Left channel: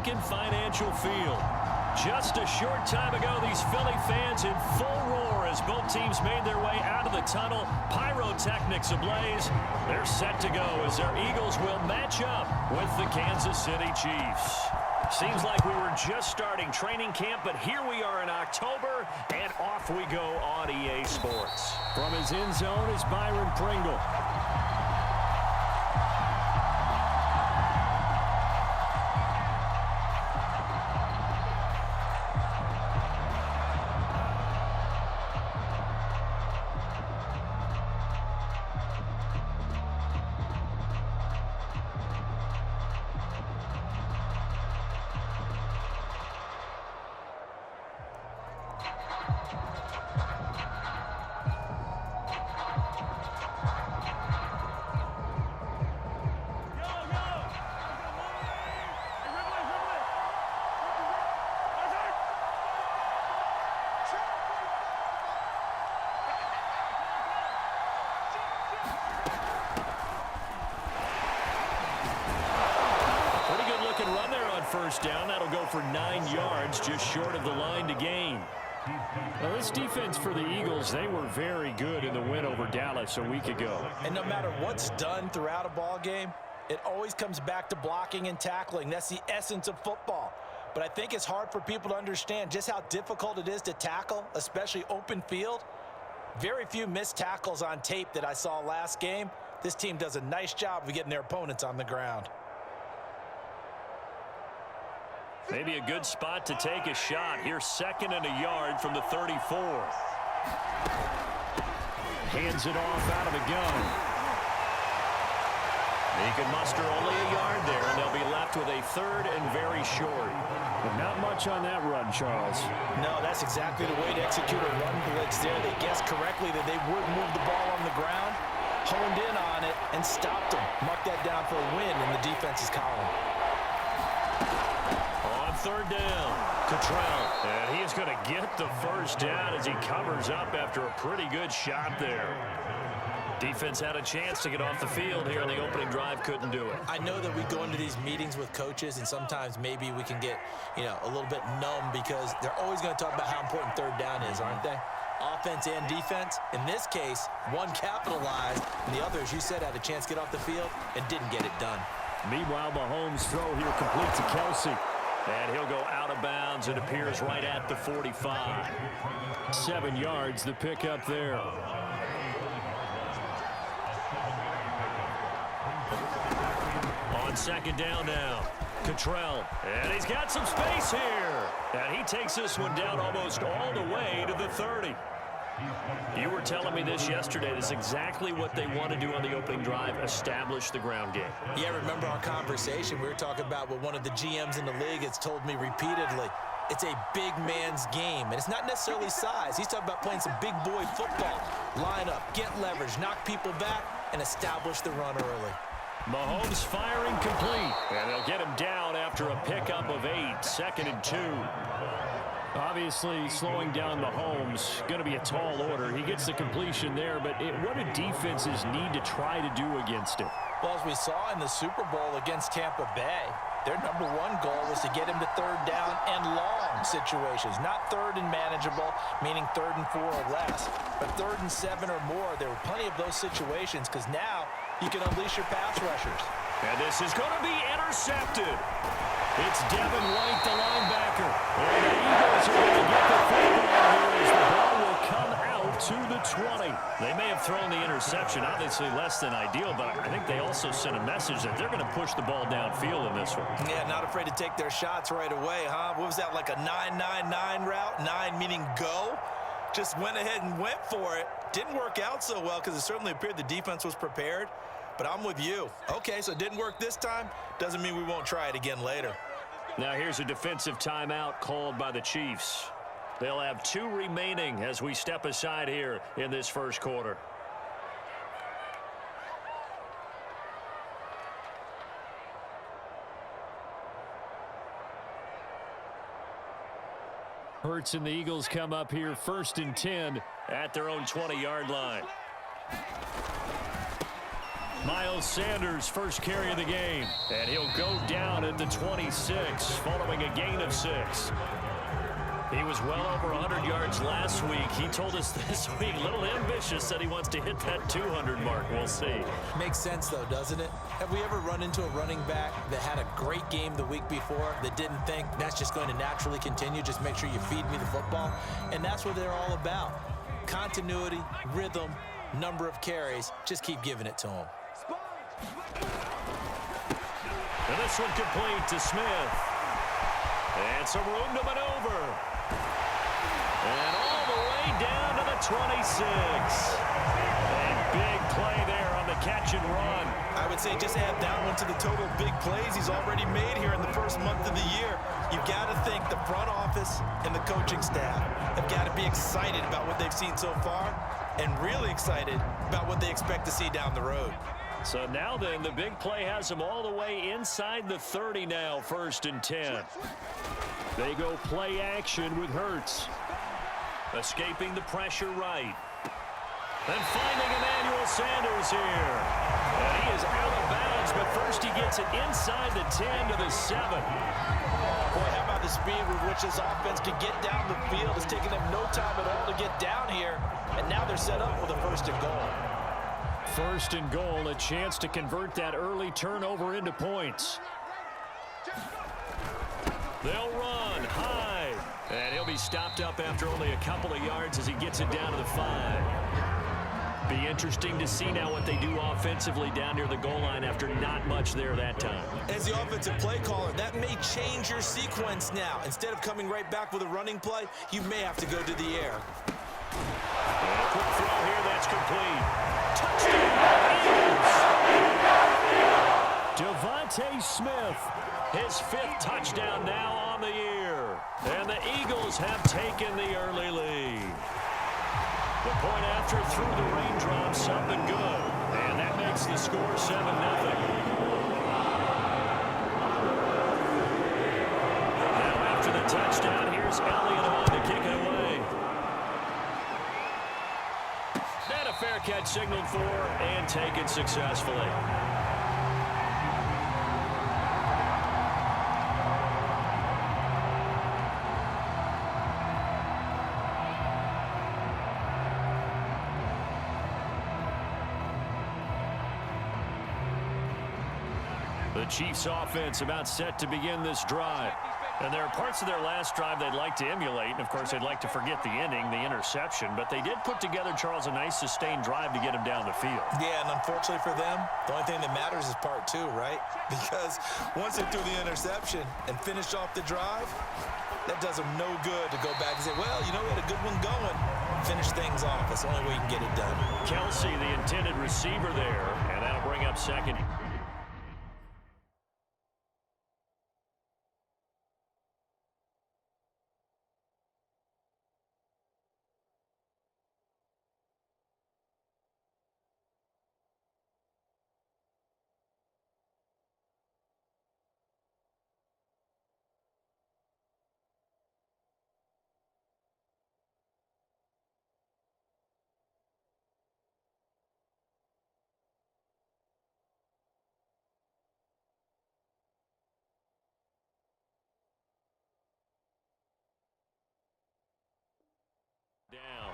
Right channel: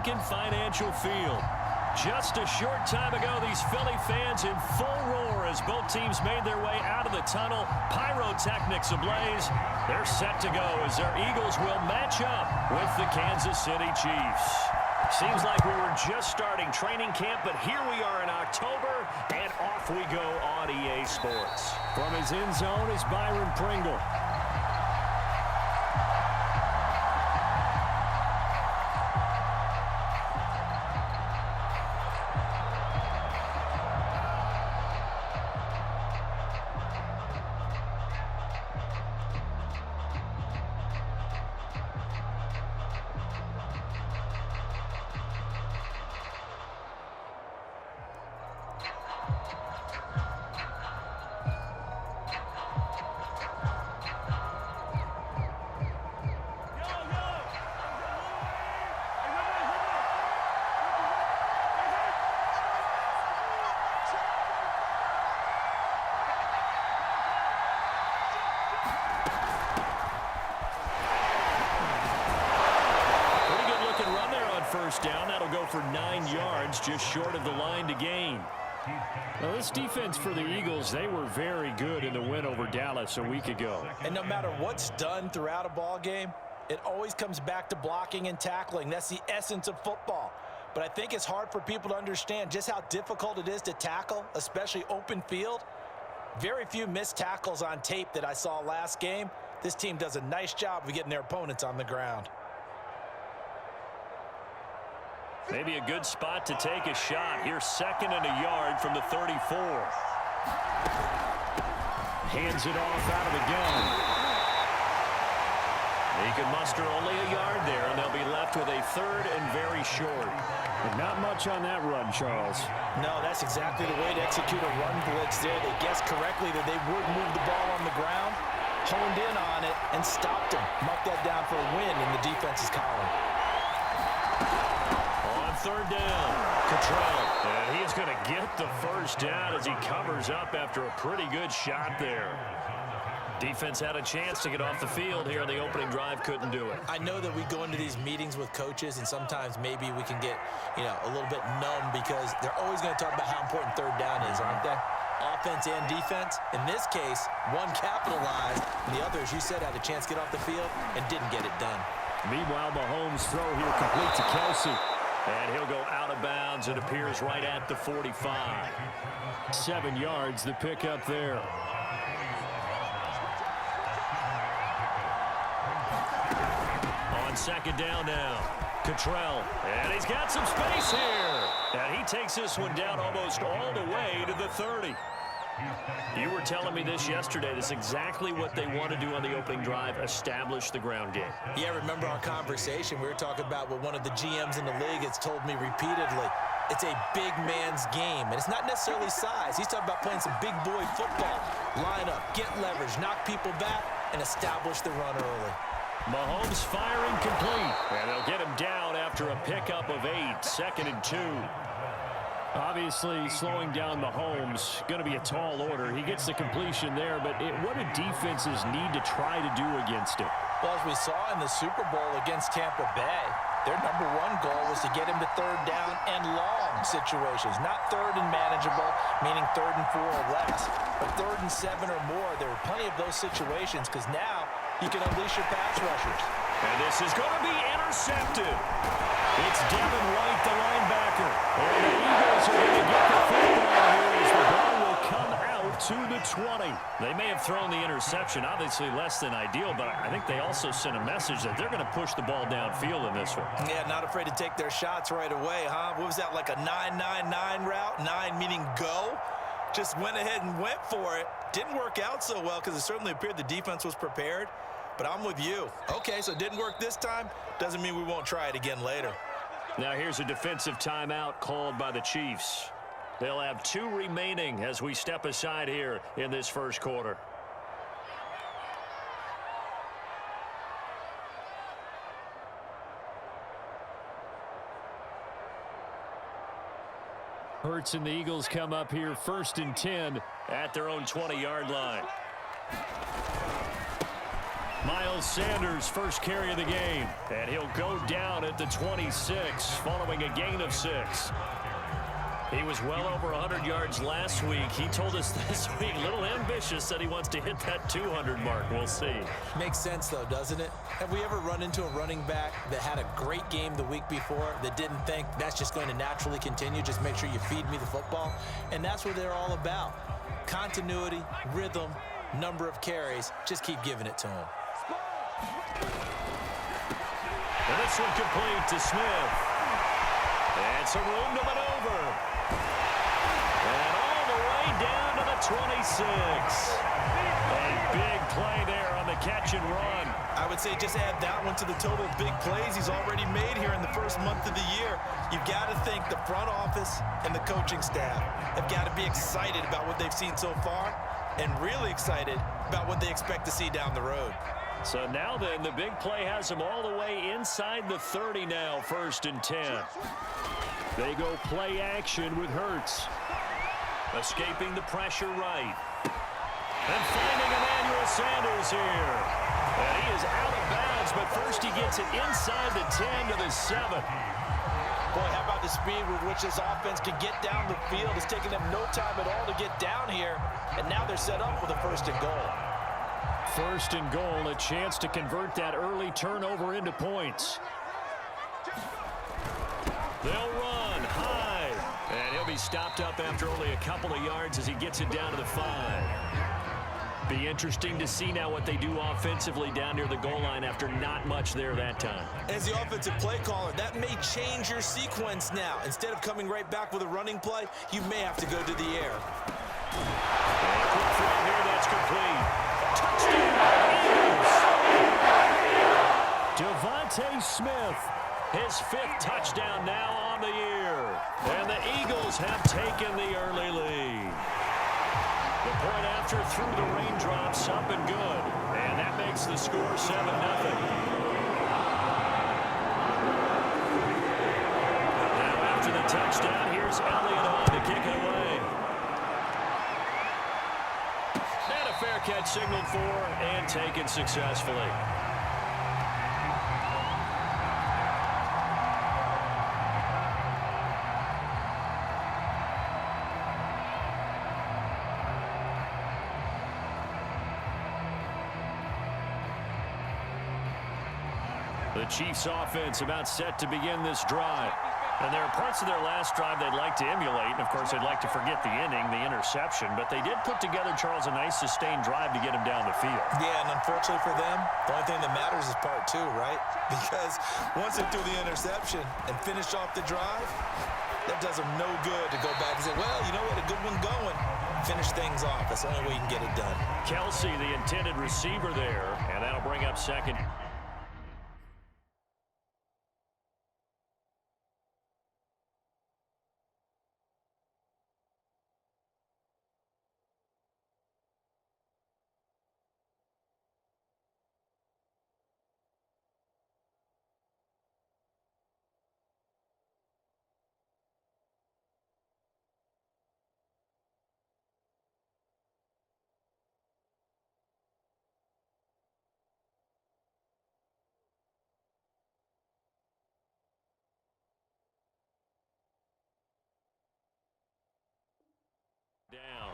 Lincoln Financial Field. Just a short time ago, these Philly fans in full roar as both teams made their way out of the tunnel. Pyrotechnics ablaze. They're set to go as their Eagles will match up with the Kansas City Chiefs. Seems like we were just starting training camp, but here we are in October, and off we go on EA Sports. From his end zone is Byron Pringle. Run there on first down. That'll go for 9 yards, just short of the line to gain. Well, this defense for the Eagles, they were very good in the win over Dallas a week ago. And no matter what's done throughout a ball game, it always comes back to blocking and tackling. That's the essence of football. But I think it's hard for people to understand just how difficult it is to tackle, especially open field. Very few missed tackles on tape that I saw last game. This team does a nice job of getting their opponents on the ground. Maybe a good spot to take a shot. Here's 2nd and a yard from the 34. Hands it off out of the gun. He can muster only a yard there, and they'll be left with a 3rd and very short. But not much on that run, Charles. No, that's exactly the way to execute a run blitz there. They guessed correctly that they would move the ball on the ground, honed in on it, and stopped them. Mark that down for a win in the defense's column. 3rd down, Cottrell. And he is going to get the first down as he covers up after a pretty good shot there. Defense had a chance to get off the field here on the opening drive, couldn't do it. I know that we go into these meetings with coaches, and sometimes maybe we can get, a little bit numb because they're always going to talk about how important 3rd down is, aren't they? Offense and defense. In this case, one capitalized, and the other, as you said, had a chance to get off the field and didn't get it done. Meanwhile, Mahomes' throw here complete to Kelsey. And he'll go out of bounds. It appears right at the 45. 7 yards, the pickup there. On 2nd down now, Cottrell. And he's got some space here. And he takes this one down almost all the way to the 30. You were telling me this yesterday. This is exactly what they want to do on the opening drive, establish the ground game. Yeah, remember our conversation. We were talking about what one of the GMs in the league has told me repeatedly. It's a big man's game, and it's not necessarily size. He's talking about playing some big boy football. Line up, get leverage, knock people back, and establish the run early. Mahomes firing complete. And they'll get him down after a pickup of 8, 2nd and 2. Obviously, slowing down Mahomes, going to be a tall order. He gets the completion there, but what do defenses need to try to do against him? Well, as we saw in the Super Bowl against Tampa Bay, their #1 goal was to get him to 3rd down and long situations. Not 3rd and manageable, meaning 3rd and 4 or less, but 3rd and 7 or more. There were plenty of those situations because now you can unleash your pass rushers. And this is going to be intercepted. It's Devin White, the linebacker. And the Eagles are going to get the football here as the ball will come out to the 20. They may have thrown the interception, obviously less than ideal, but I think they also sent a message that they're going to push the ball downfield in this one. Yeah, not afraid to take their shots right away, huh? What was that, like a 9-9-9 route? 9 meaning go? Just went ahead and went for it. Didn't work out so well because it certainly appeared the defense was prepared. But I'm with you. Okay, so it didn't work this time. Doesn't mean we won't try it again later. Now here's a defensive timeout called by the Chiefs. They'll have 2 remaining as we step aside here in this first quarter. Hurts and the Eagles come up here 1st and 10 at their own 20-yard line. Miles Sanders' first carry of the game. And he'll go down at the 26 following a gain of 6. He was well over 100 yards last week. He told us this week, a little ambitious, said he wants to hit that 200 mark. We'll see. Makes sense, though, doesn't it? Have we ever run into a running back that had a great game the week before that didn't think that's just going to naturally continue? Just make sure you feed me the football. And that's what they're all about. Continuity, rhythm, number of carries. Just keep giving it to them. And this one complete to Smith. And some room to maneuver. And all the way down to the 26. A big play there on the catch and run. I would say just add that one to the total big plays he's already made here in the first month of the year. You've got to think the front office and the coaching staff have got to be excited about what they've seen so far and really excited about what they expect to see down the road. So now then, the big play has them all the way inside the 30 now, 1st and 10. They go play action with Hurts. Escaping the pressure right. And finding Emmanuel Sanders here. And he is out of bounds, but first he gets it inside the 10 to the 7. Boy, how about the speed with which this offense can get down the field? It's taking them no time at all to get down here. And now they're set up with a 1st and goal. 1st and goal, a chance to convert that early turnover into points. They'll run high. And he'll be stopped up after only a couple of yards as he gets it down to the 5. Be interesting to see now what they do offensively down near the goal line after not much there that time. As the offensive play caller, that may change your sequence now. Instead of coming right back with a running play, you may have to go to the air. And a quick throw here, that's complete. Touchdown, Eagles! Devontae Smith. His 5th touchdown now on the year. And the Eagles have taken the early lead. The point after through the raindrops up and good. And that makes the score 7-0. Now after the touchdown, here's Elliott on to kick it away. And a fair catch signaled for and taken successfully. The Chiefs offense about set to begin this drive. And there are parts of their last drive they'd like to emulate. And, of course, they'd like to forget the inning, the interception. But they did put together, Charles, a nice sustained drive to get him down the field. Yeah, and unfortunately for them, the only thing that matters is part 2, right? Because once they threw the interception and finished off the drive, that does them no good to go back and say, well, you know, we had a good one going. Finish things off. That's the only way you can get it done. Kelsey, the intended receiver there. And that'll bring up 2nd. Down.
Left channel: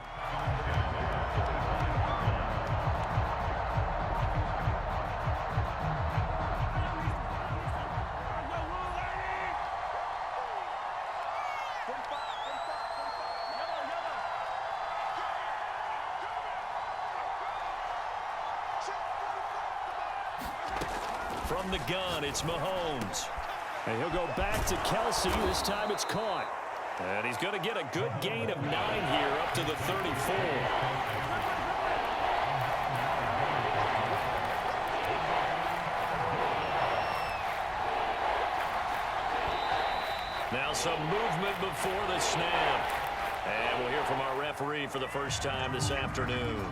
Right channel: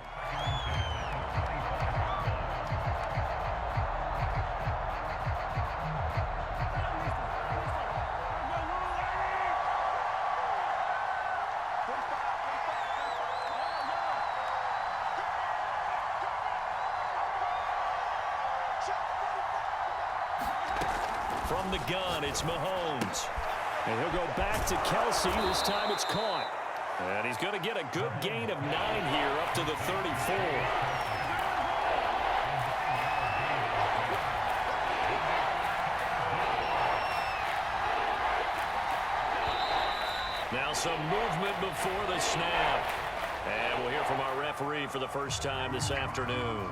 From the gun, it's Mahomes. And he'll go back to Kelsey. This time it's caught. And he's going to get a good gain of 9 here up to the 34. Now some movement before the snap. And we'll hear from our referee for the first time this afternoon.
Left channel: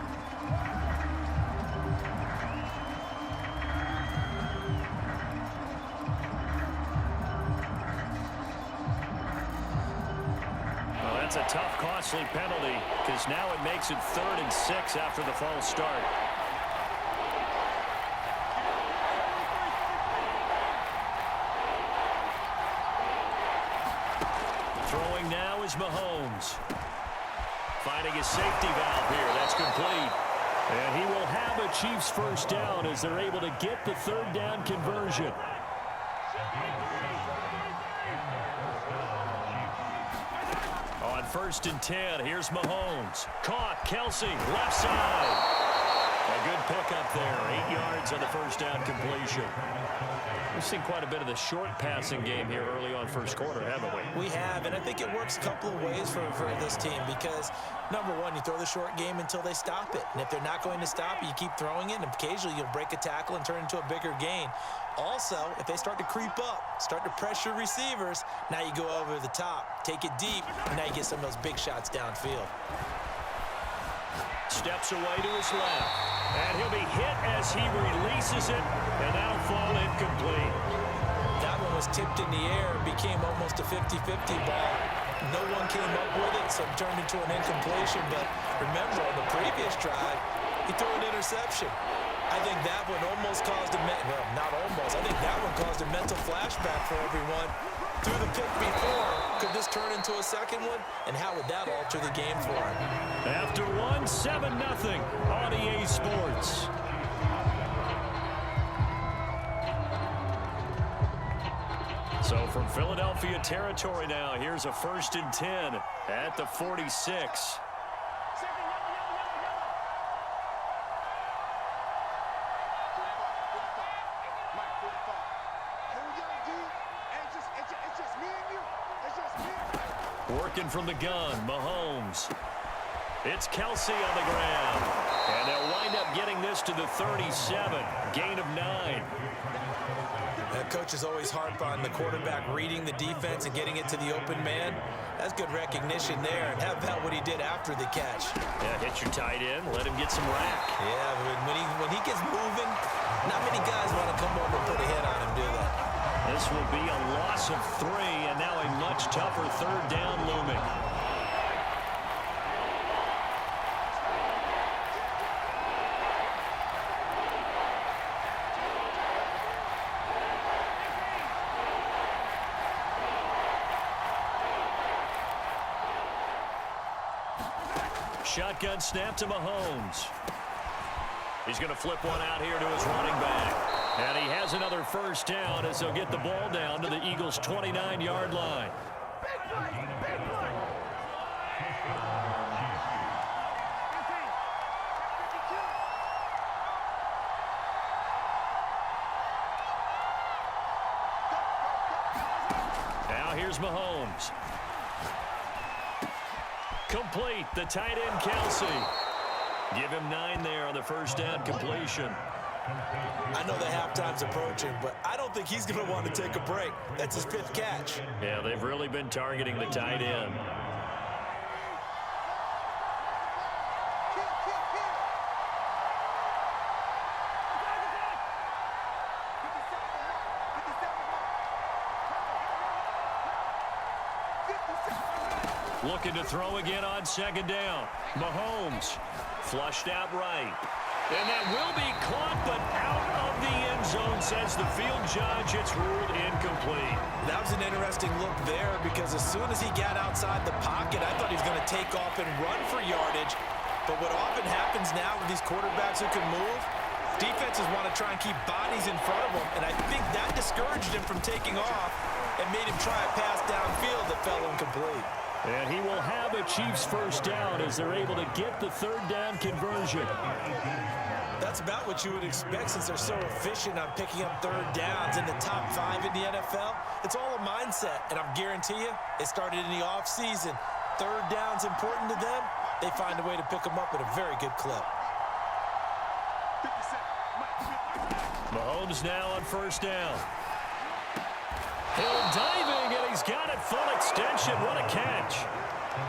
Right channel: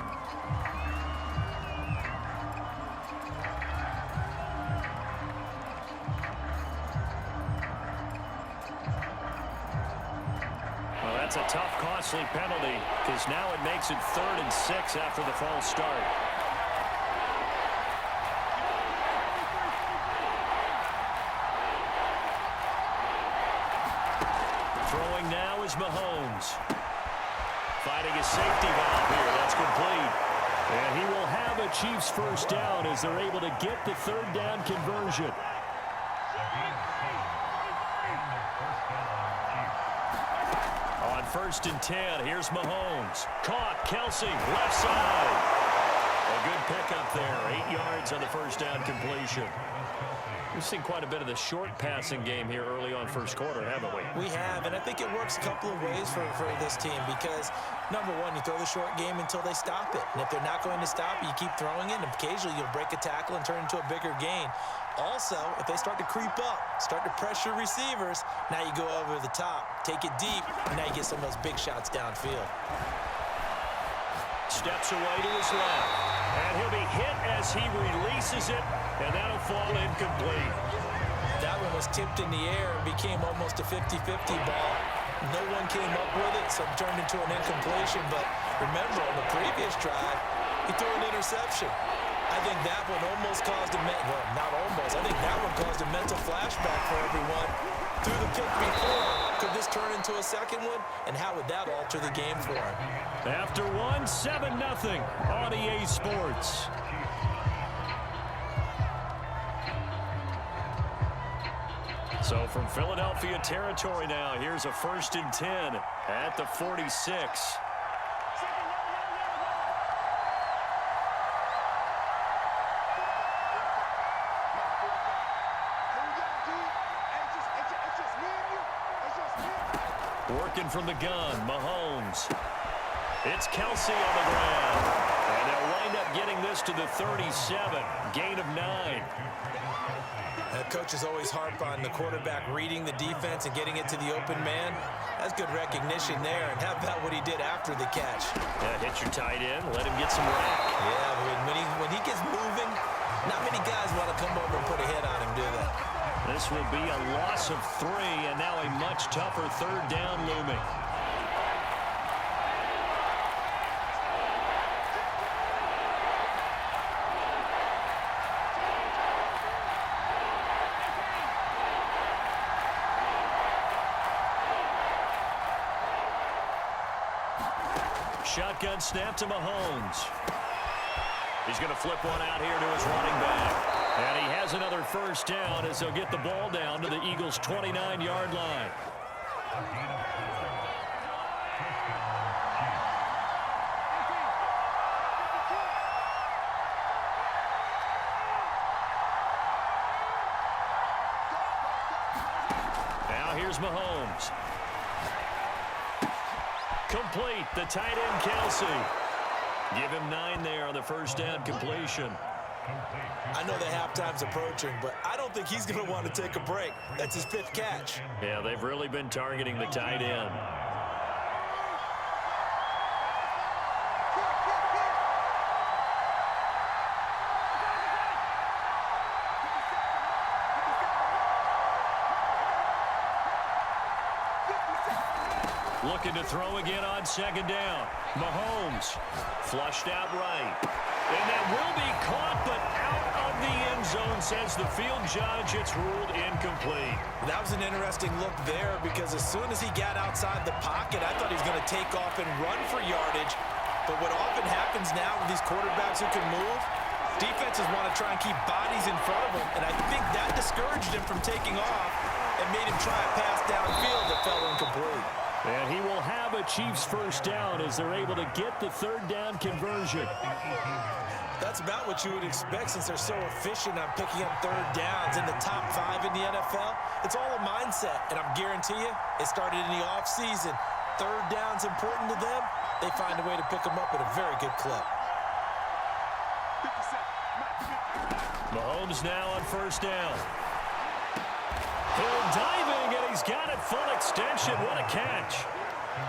That's a tough, costly penalty because now it makes it 3rd and 6 after the false start. Throwing now is Mahomes. Finding his safety valve here. That's complete. And he will have a Chiefs first down as they're able to get the third down conversion. On 1st and 10, here's Mahomes. Caught, Kelsey, left side. A good pickup there. 8 yards on the first down completion. We've seen quite a bit of the short passing game here early on first quarter, haven't we? We have, and I think it works a couple of ways for this team because, number one, you throw the short game until they stop it. And if they're not going to stop it, you keep throwing it, and occasionally you'll break a tackle and turn it into a bigger gain. Also, if they start to creep up, start to pressure receivers, now you go over the top, take it deep, and now you get some of those big shots downfield. Steps away to his left. And he'll be hit as he releases it, and that'll fall incomplete. That one was tipped in the air and became almost a 50-50 ball. No one came up with it, so it turned into an incompletion. But remember, on the previous drive, he threw an interception. I think that one almost caused a well, not almost. I think that one caused a mental flashback for everyone. Through the pick before, could this turn into a second one? And how would that alter the game for him? After one, 7-0 on EA Sports. So from Philadelphia territory now, here's a 1st and 10 at the 46. Working from the gun, Mahomes. It's Kelsey on the ground. And they'll wind up getting this to the 37. Gain of 9. Coaches always harp on the quarterback reading the defense and getting it to the open man. That's good recognition there. And how about what he did after the catch? Yeah, hit your tight end, let him get some rack. Yeah, when he gets moving, not many guys want to come over and put a hit on him, do they? This will be a loss of 3, and now a much tougher third down looming. Shotgun snap to Mahomes. He's going to flip one out here to his running back. And he has another first down as they'll get the ball down to the Eagles' 29-yard line. Now here's Mahomes. Complete, the tight end Kelsey. Give him 9 there on the first down completion. I know the halftime's approaching, but I don't think he's going to want to take a break. That's his 5th catch. Yeah, they've really been targeting the tight end. Looking to throw again on 2nd down. Mahomes flushed out right. And that will be caught, but out of the end zone, says the field judge. It's ruled incomplete. That was an interesting look there because as soon as he got outside the pocket, I thought he was going to take off and run for yardage. But what often happens now with these quarterbacks who can move, defenses want to try and keep bodies in front of them. And I think that discouraged him from taking off and made him try a pass downfield that fell incomplete. And he will have a Chiefs first down as they're able to get the third down conversion. That's about what you would expect since they're so efficient on picking up third downs in the top 5 in the NFL. It's all a mindset, and I guarantee you, it started in the offseason. Third down's important to them. They find a way to pick them up at a very good clip. Mahomes now on first down. Hill diving, and he's got it full extension. What a catch.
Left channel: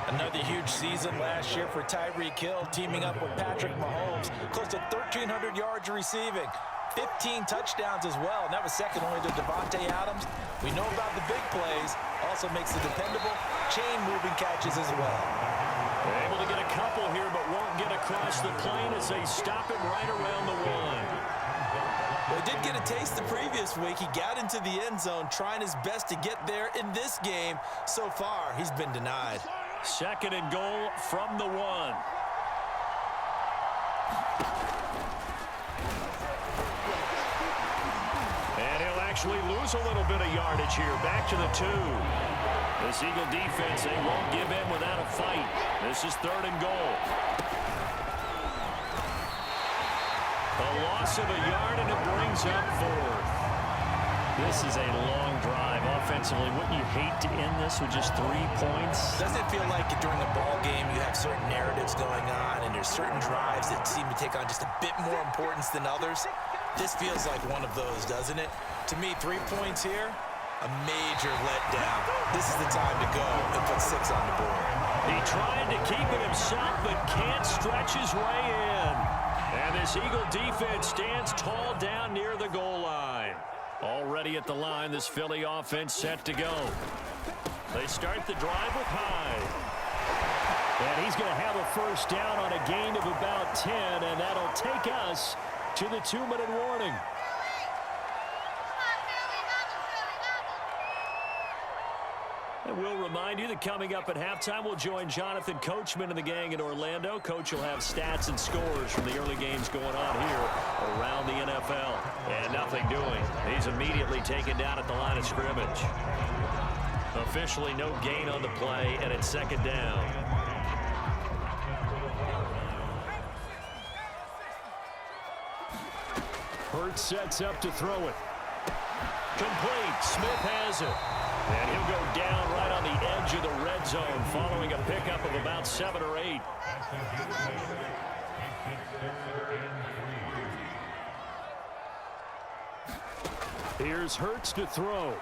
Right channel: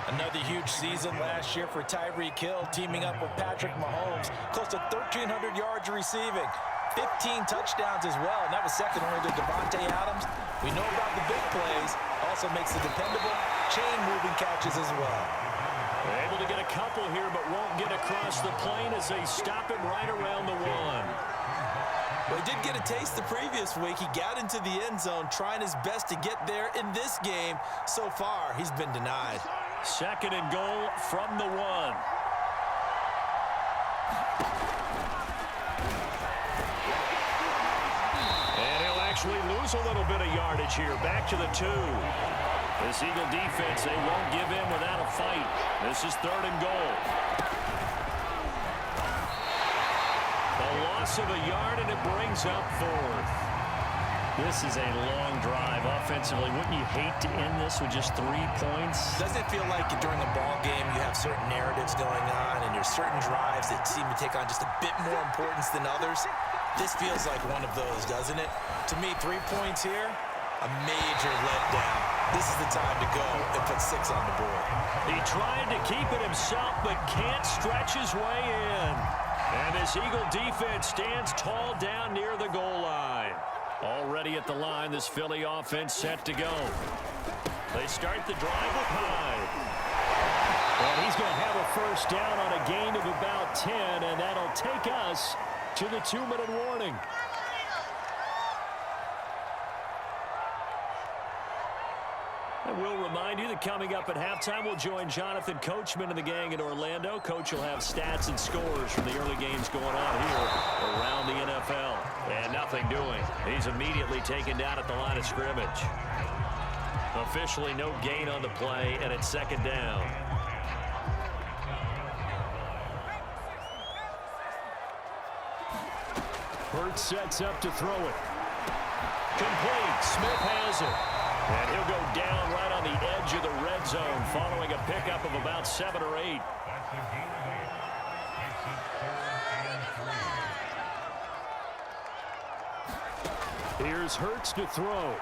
Another huge season last year for Tyreek Hill, teaming up with Patrick Mahomes. Close to 1,300 yards receiving. 15 touchdowns as well, and that was second only to Devontae Adams. We know about the big plays. Also makes the dependable chain-moving catches as well. They're able to get a couple here, but won't get across the plane as they stop him right around the 1. Well, he did get a taste the previous week. He got into the end zone trying his best to get there in this game. So far, he's been denied. 2nd and goal from the 1. And he'll actually lose a little bit of yardage here. Back to the 2. This Eagle defense, they won't give in without a fight. This is 3rd and goal. A loss of a yard, and it brings up 4th. This is a long drive offensively. Wouldn't you hate to end this with just 3 points? Doesn't it feel like during a ball game you have certain narratives going on and there's certain drives that seem to take on just a bit more importance than others? This feels like one of those, doesn't it? To me, 3 points here, a major letdown. This is the time to go and put 6 on the board. He tried to keep it himself, but can't stretch his way in. And this Eagle defense stands tall down near the goal line. Already at the line, this Philly offense set to go. They start the drive with Hyde. And he's going to have a first down on a gain of about 10, and that'll take us to the 2-minute warning. And we'll remind you that coming up at halftime, we'll join Jonathan Coachman and the gang in Orlando. Coach will have stats and scores from the early games going on here around the NFL. And nothing doing. He's immediately taken down at the line of scrimmage. Officially no gain on the play, and it's 2nd down. Hurts sets up to throw it. Complete. Smith has it. And he'll go down right on the edge of the red zone following a pickup of about 7 or 8. Here's Hurts to throw.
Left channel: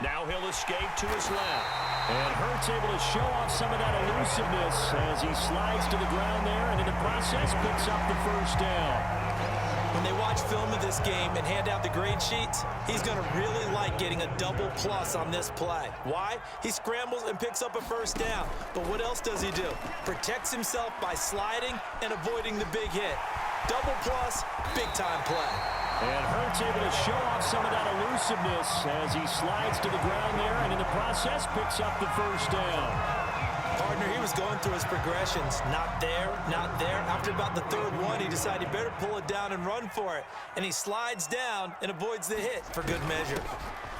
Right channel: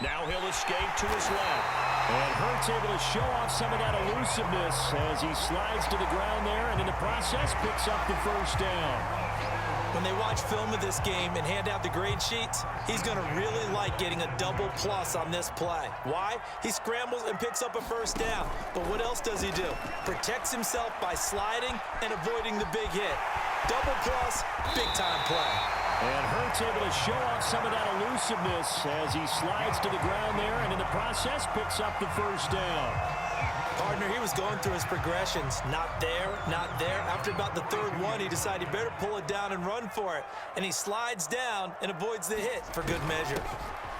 Now he'll escape to his left. And Hurts able to show off some of that elusiveness as he slides to the ground there and in the process picks up the first down. When they watch film of this game and hand out the grade sheets, he's going to really like getting a double plus on this play. Why? He scrambles and picks up a first down. But what else does he do? Protects himself by sliding and avoiding the big hit. Double plus, big-time play. And Hurts able to show off some of that elusiveness as he slides to the ground there and in the process picks up the first down. Partner, he was going through his progressions. Not there, not there. After about the 3rd one, he decided he better pull it down and run for it. And he slides down and avoids the hit for good measure.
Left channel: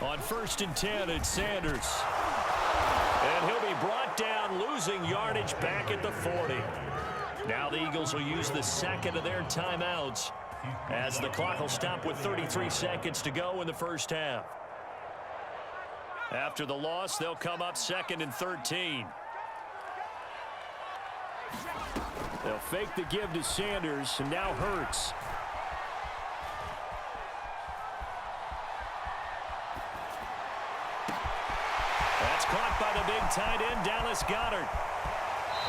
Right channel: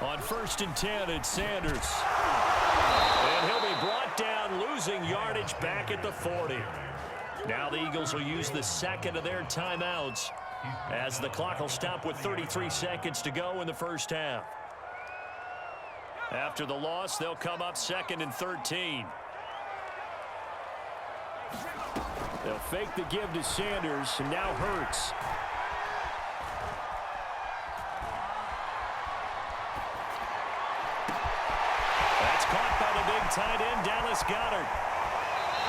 On 1st and 10, it's Sanders. And he'll be brought down, losing yardage back at the 40. Now the Eagles will use the 2nd of their timeouts as the clock will stop with 33 seconds to go in the first half. After the loss, they'll come up 2nd and 13. They'll fake the give to Sanders, and now Hurts. That's caught by the big tight end, Dallas Goedert.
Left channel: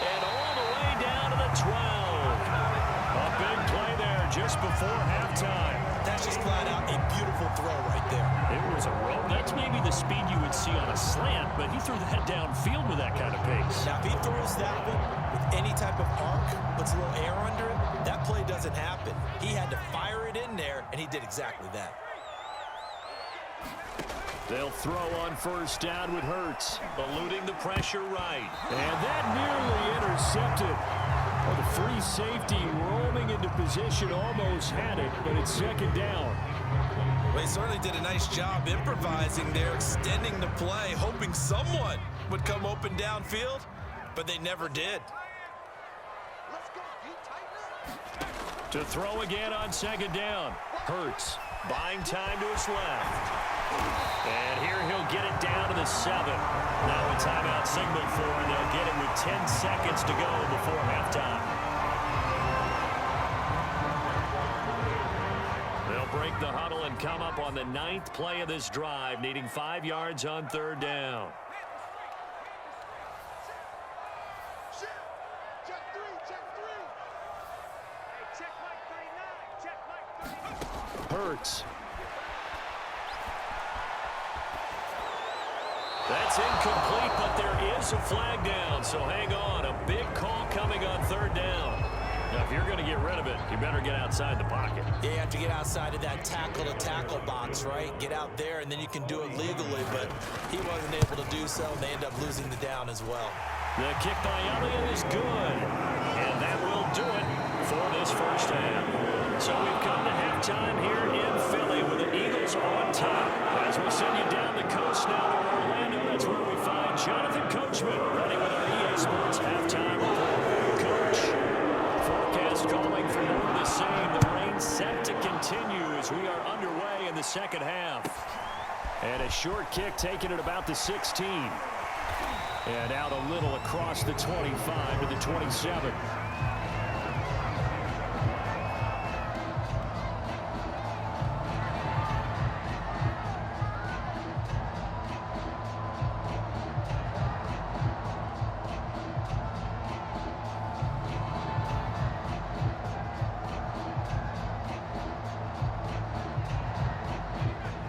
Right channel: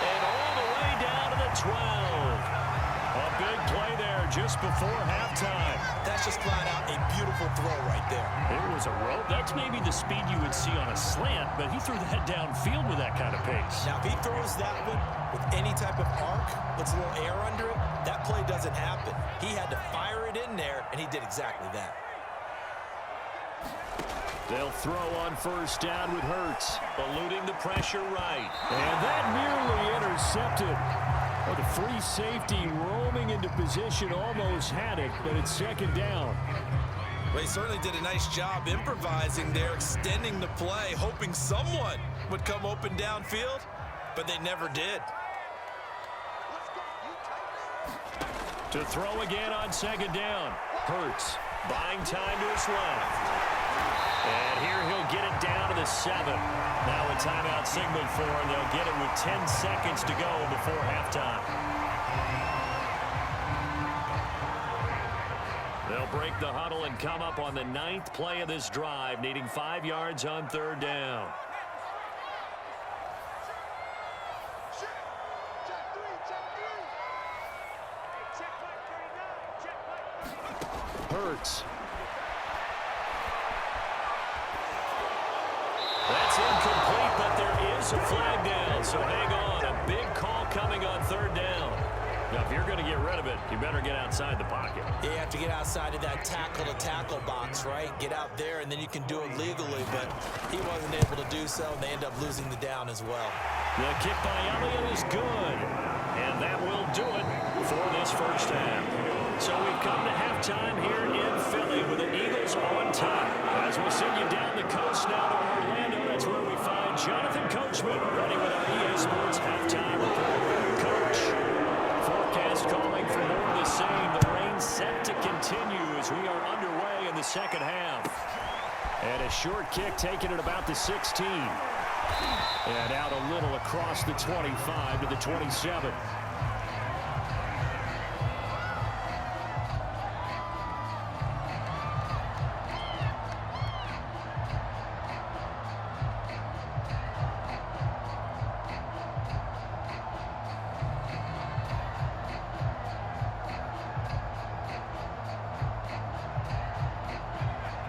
And all the way down to the 12. A big play there just before halftime. That's just flat out a beautiful throw right there. It was a rope. That's maybe the speed you would see on a slant, but he threw that downfield with that kind of pace. Now, if he throws that one with any type of arc, puts a little air under it, that play doesn't happen. He had to fire it in there, and he did exactly that. They'll throw on first down with Hurts. Eluding the pressure right. And that nearly intercepted. Oh, the free safety roaming into position almost had it, but it's 2nd down. Well, he certainly did a nice job improvising there, extending the play, hoping someone would come open downfield, but they never did. To throw again on 2nd down. Hurts buying time to his left. And here he'll get it down to the 7. Now a timeout signaled for, and they'll get it with 10 seconds to go before halftime. They'll break the huddle and come up on the 9th play of this drive, needing 5 yards on 3rd down. Hurts. That's incomplete, but there is a flag down, so hang on. A big call coming on 3rd down. Now, if you're going to get rid of it, you better get outside the pocket. Yeah, you have to get outside of that tackle-to-tackle box, right? Get out there, and then you can do it legally, but he wasn't able to do so, and they end up losing the down as well. The kick by Elliott is good, and that will do it for this first half. So we've come to halftime here in Philly with the Eagles on top. As we'll send you down the coast now to Orlando, that's where we find Jonathan Coachman ready with our EA Sports halftime report. Coach, forecast calling for more of the same. The rain set to continue as we are underway in the second half. And a short kick taken at about the 16. And out a little across the 25 to the 27.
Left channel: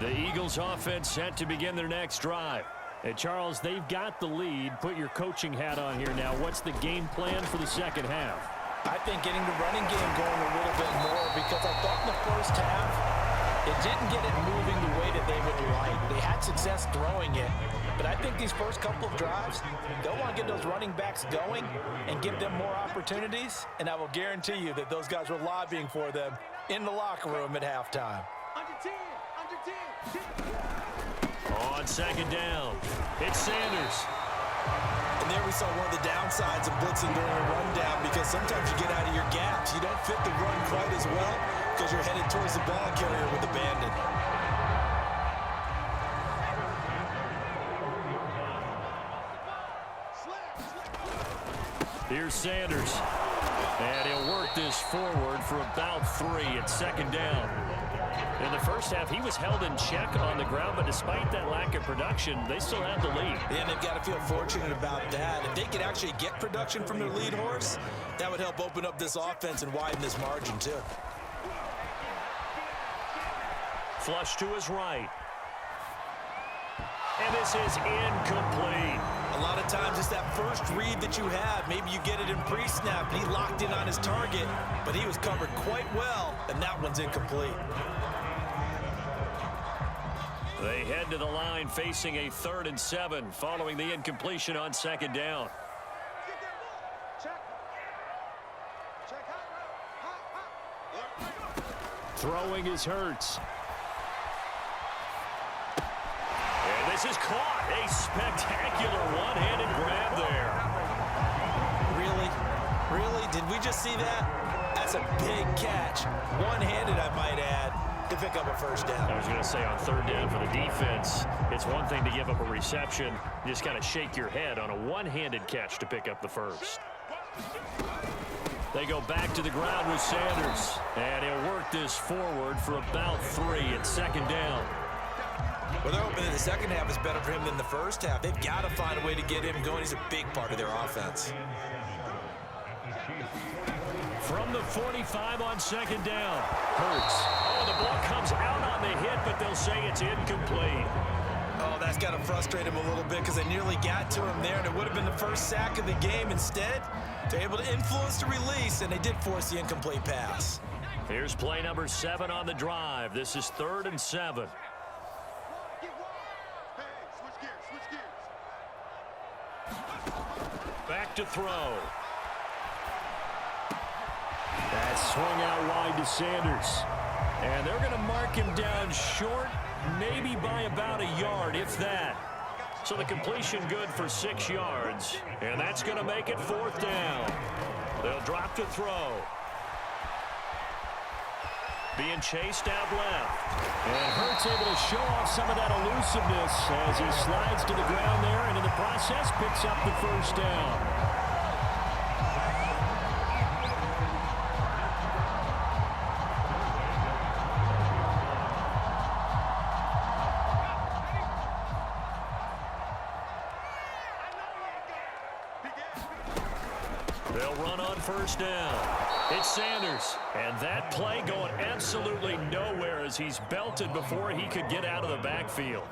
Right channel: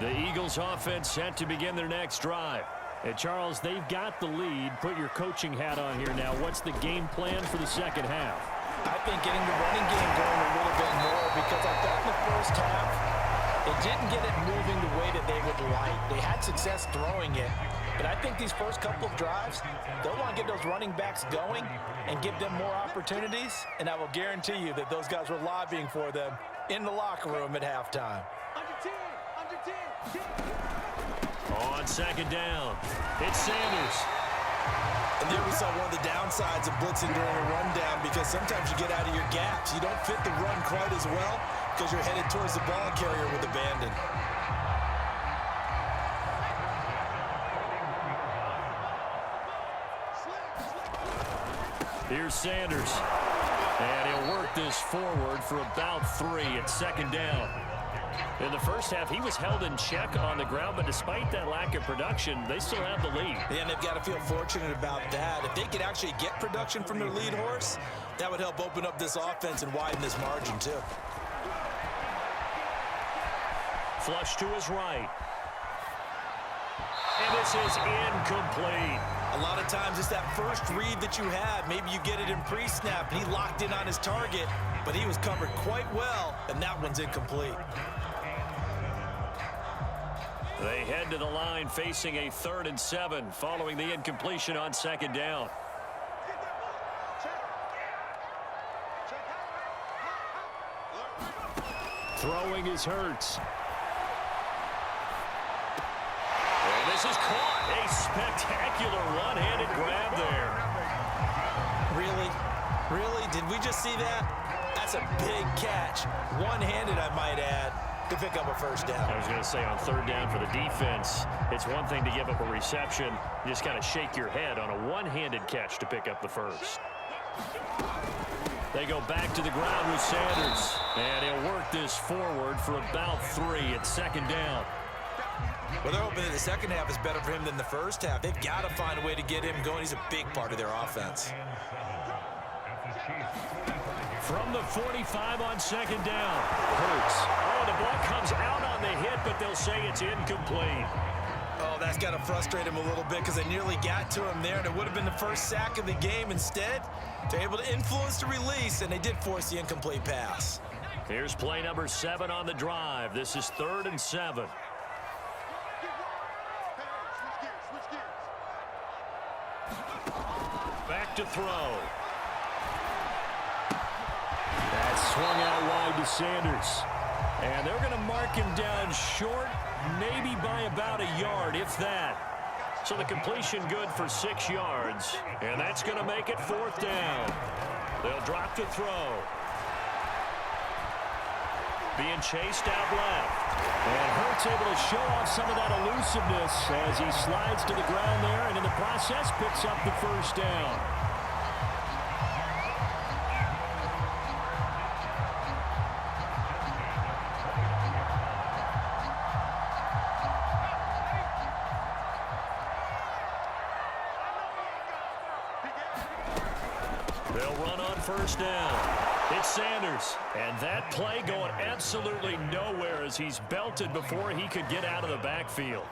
The Eagles offense set to begin their next drive. And Charles, they've got the lead. Put your coaching hat on here now. What's the game plan for the second half? I think getting the running game going a little bit more, because I thought in the first half it didn't get it moving the way that they would like. They had success throwing it, but I think these first couple of drives, they'll want to get those running backs going and give them more opportunities, and I will guarantee you that those guys were lobbying for them in the locker room at halftime. Under 10, under 10. On second down, it's Sanders. And there we saw one of the downsides of blitzing during a rundown, because sometimes you get out of your gaps. You don't fit the run quite as well because you're headed towards the ball carrier with abandon. Here's Sanders. And he'll work this forward for about 3 at second down. In the first half, he was held in check on the ground, but despite that lack of production, they still have the lead. And they've got to feel fortunate about that. If they could actually get production from their lead horse, that would help open up this offense and widen this margin too. Flush to his right. And this is incomplete. A lot of times it's that first read that you have. Maybe you get it in pre-snap, and he locked in on his target, but he was covered quite well, and that one's incomplete. They head to the line facing a 3rd and 7 following the incompletion on second down. Throwing is Hurts. And this is caught. A spectacular one-handed grab there. Really? Really? Did we just see that? That's a big catch. One-handed, I might add, to pick up a first down. I was going to say, on 3rd down for the defense, it's one thing to give up a reception. You just kind of shake your head on a one-handed catch to pick up the first. They go back to the ground with Sanders. And he'll work this forward for about 3 at second down. Well, they're hoping that the second half is better for him than the first half. They've got to find a way to get him going. He's a big part of their offense. From the 45 on second down. Hurts. Oh, the ball comes out on the hit, but they'll say it's incomplete. Oh, that's got to frustrate him a little bit, because they nearly got to him there, and it would have been the first sack of the game. Instead, they're able to influence the release, and they did force the incomplete pass. Here's play number 7 on the drive. This is 3rd and 7. Back to throw. That's swung out wide to Sanders. And they're going to mark him down short, maybe by about a yard, if that. So the completion good for 6 yards. And that's going to make it 4th down. They'll drop to throw. Being chased out left. And Hurts able to show off some of that elusiveness as he slides to the ground there, and in the process picks up the first down. They'll run on first down. It's Sanders. And that play going absolutely nowhere as he's belted before he could get out of the backfield.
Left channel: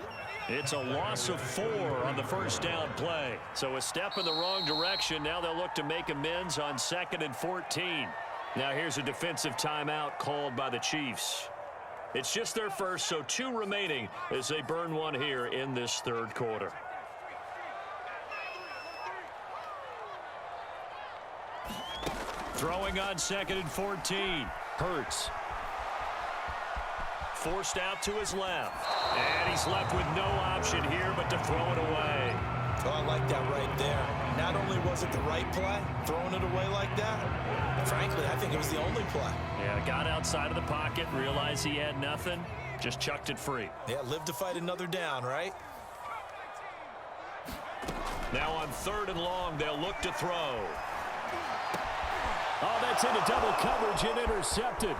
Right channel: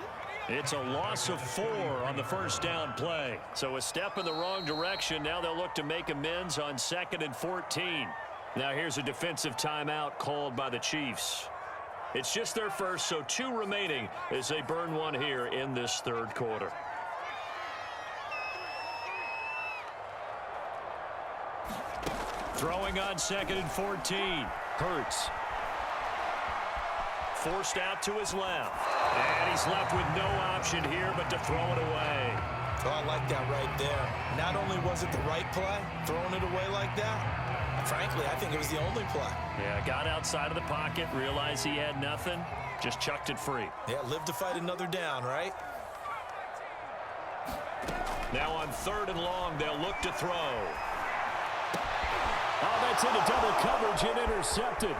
It's a loss of 4 on the first down play. So a step in the wrong direction. Now they'll look to make amends on 2nd and 14. Now here's a defensive timeout called by the Chiefs. It's just their first, so 2 remaining as they burn one here in this third quarter. Throwing on 2nd and 14. Hurts. Forced out to his left. And he's left with no option here but to throw it away. Oh, I like that right there. Not only was it the right play, throwing it away like that, frankly, I think it was the only play. Yeah, got outside of the pocket, realized he had nothing, just chucked it free. Yeah, live to fight another down, right? Now on 3rd and long, they'll look to throw. Oh, that's into double coverage and intercepted.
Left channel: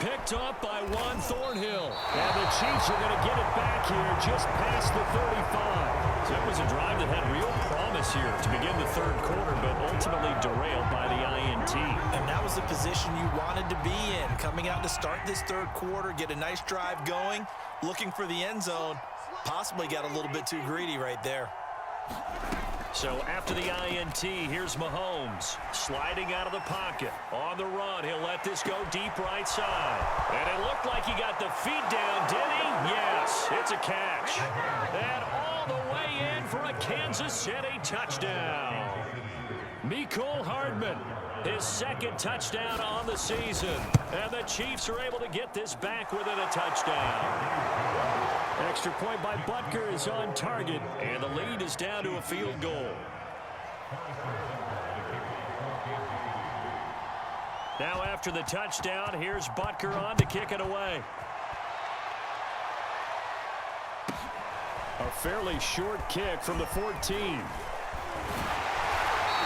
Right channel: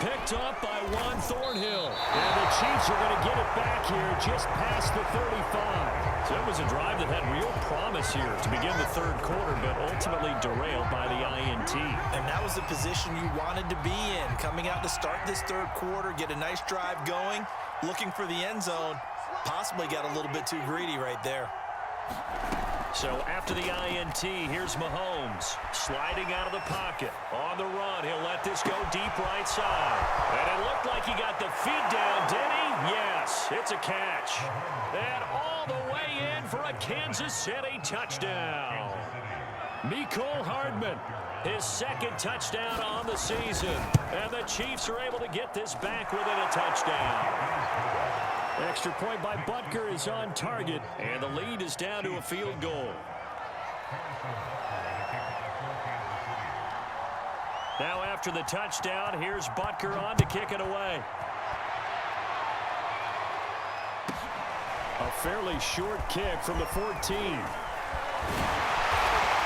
Picked up by Juan Thornhill. And the Chiefs are going to get it back here just past the 35. So it was a drive that had real promise here to begin the third quarter, but ultimately derailed by the INT. And that was the position you wanted to be in. Coming out to start this third quarter, get a nice drive going, looking for the end zone. Possibly got a little bit too greedy right there. So after the INT, here's Mahomes sliding out of the pocket. On the run, he'll let this go deep right side. And it looked like he got the feet down, did he? Yes, it's a catch. And all the way in for a Kansas City touchdown. Mecole Hardman, his 2nd touchdown on the season. And the Chiefs are able to get this back within a touchdown. Extra point by Butker is on target. And the lead is down to a field goal. Now after the touchdown, here's Butker on to kick it away. A fairly short kick from the 14.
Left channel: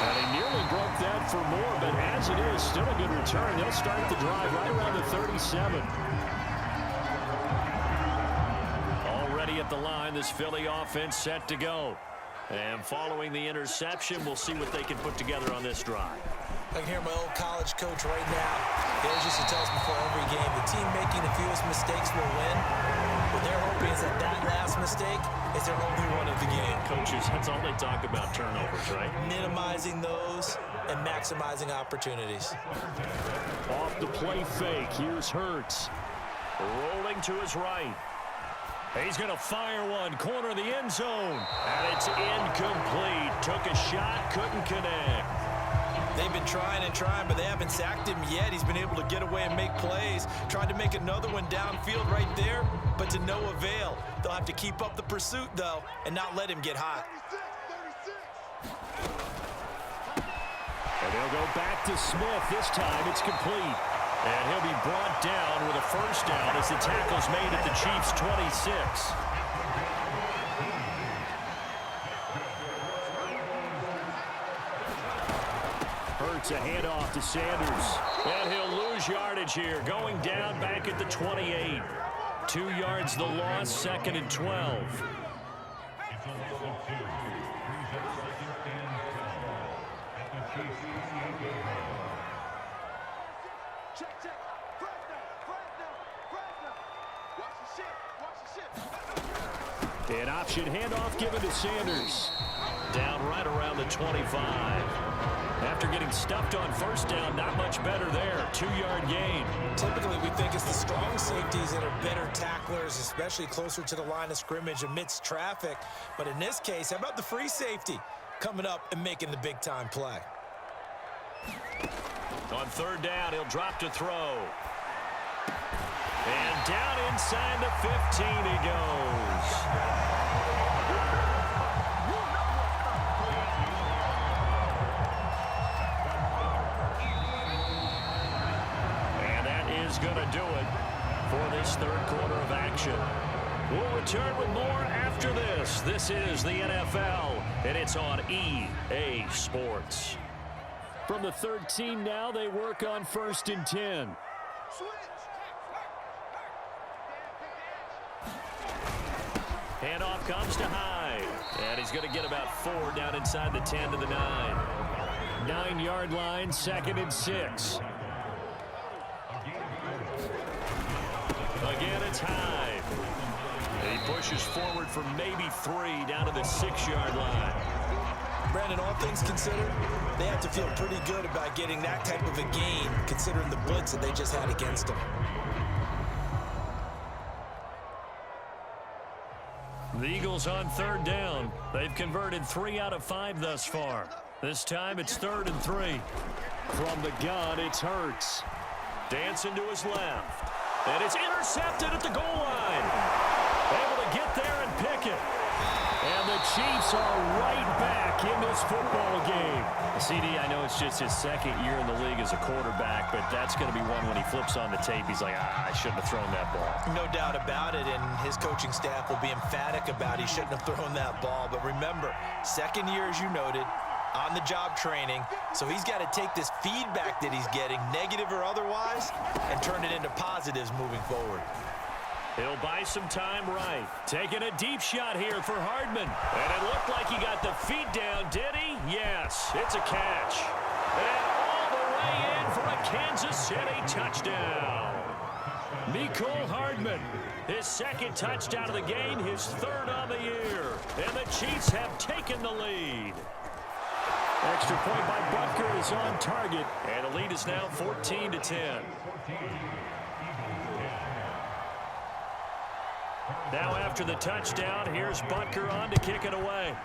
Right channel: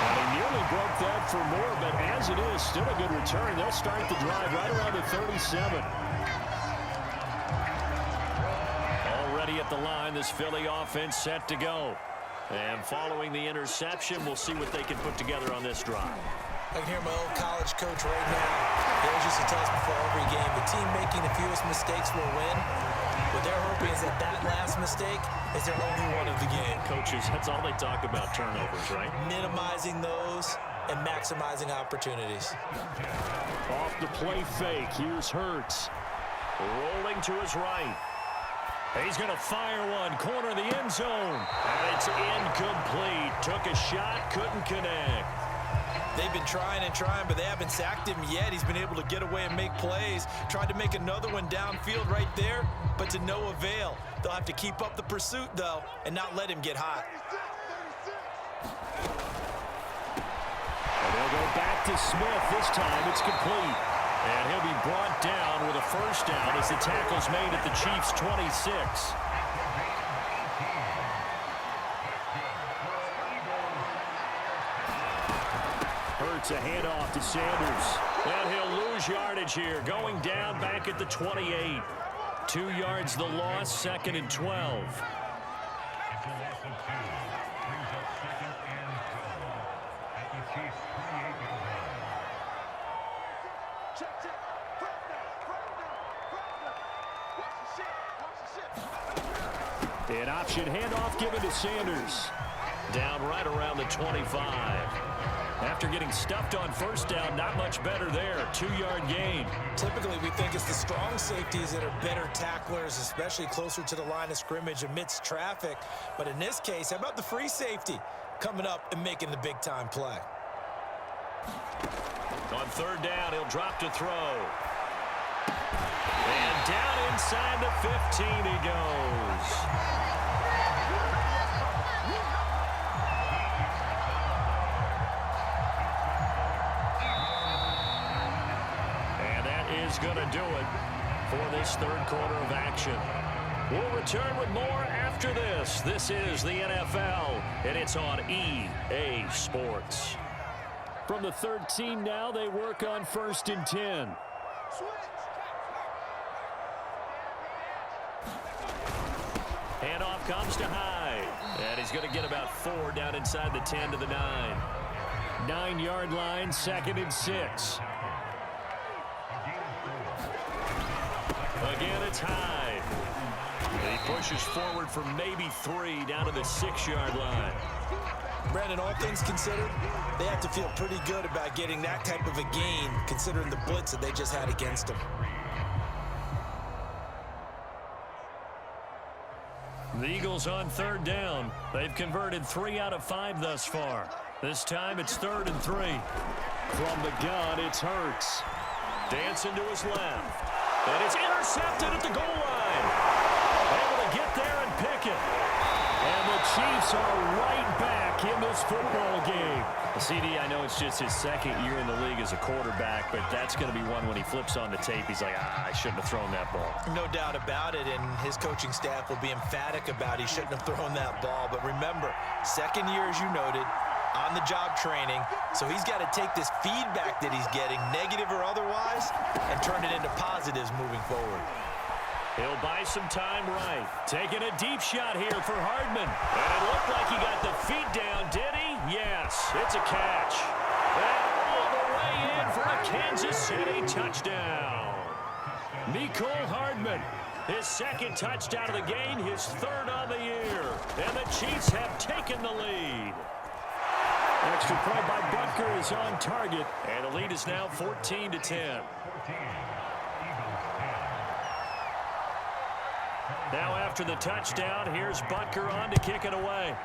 And he nearly broke that for more, but as it is, still a good return. They'll start the drive right around the 37. Already at the line, this Philly offense set to go. And following the interception, we'll see what they can put together on this drive. I can hear my old college coach right now. He always used to tell us before every game, the team making the fewest mistakes will win. What they're hoping is that that last mistake is their only one of the game. Coaches, that's all they talk about, turnovers, right? Minimizing those and maximizing opportunities. Off the play fake, here's Hurts. Rolling to his right. He's going to fire one, corner of the end zone. And it's incomplete. Took a shot, couldn't connect. They've been trying and trying, but they haven't sacked him yet. He's been able to get away and make plays. Tried to make another one downfield right there, but to no avail. They'll have to keep up the pursuit, though, and not let him get hot. And they'll go back to Smith. This time it's complete. And he'll be brought down with a first down as the tackle's made at the Chiefs' 26. Hurts a handoff to Sanders. And he'll lose yardage here, going down back at the 28. 2 yards the loss, 2nd and 12. An option handoff given to Sanders. Down right around the 25. After getting stuffed on first down, not much better there. 2-yard gain. Typically, we think it's the strong safeties that are better tacklers, especially closer to the line of scrimmage amidst traffic. But in this case, how about the free safety coming up and making the big-time play? On 3rd down, he'll drop to throw. And down inside the 15 he goes. And that is going to do it for this third quarter of action. We'll return with more after this. This is the NFL, and it's on EA Sports. From the 13 now, they work on 1st and 10. Handoff comes to Hyde. And he's going to get about 4 down inside the 10 to the 9. 9-yard line, 2nd and 6. Again, it's Hyde. He pushes forward for maybe 3 down to the 6-yard line. Brandon, all things considered, they have to feel pretty good about getting that type of a gain considering the blitz that they just had against them. The Eagles on 3rd down. They've converted 3 out of 5 thus far. This time it's 3rd and 3. From the gun, it's Hurts. Dancing to his left. And it's intercepted at the goal line. Able to get there and pick it. And the Chiefs are right back in this football game. CD, I know it's just his 2nd year in the league as a quarterback, but that's going to be one when he flips on the tape. He's like, I shouldn't have thrown that ball. No doubt about it, and his coaching staff will be emphatic about he shouldn't have thrown that ball. But remember, 2nd year, as you noted, on-the-job training, so he's got to take this feedback that he's getting, negative or otherwise, and turn it into positives moving forward. He'll buy some time right. Taking a deep shot here for Hardman. And it looked like he got the feet down, did he? Yes, it's a catch. And all the way in for a Kansas City touchdown. Mecole Hardman, his 2nd touchdown of the game, his 3rd on the year. And the Chiefs have taken the lead. Extra point by Butker is on target. And the lead is now 14-10. Now after the touchdown, here's Butker on to kick it away.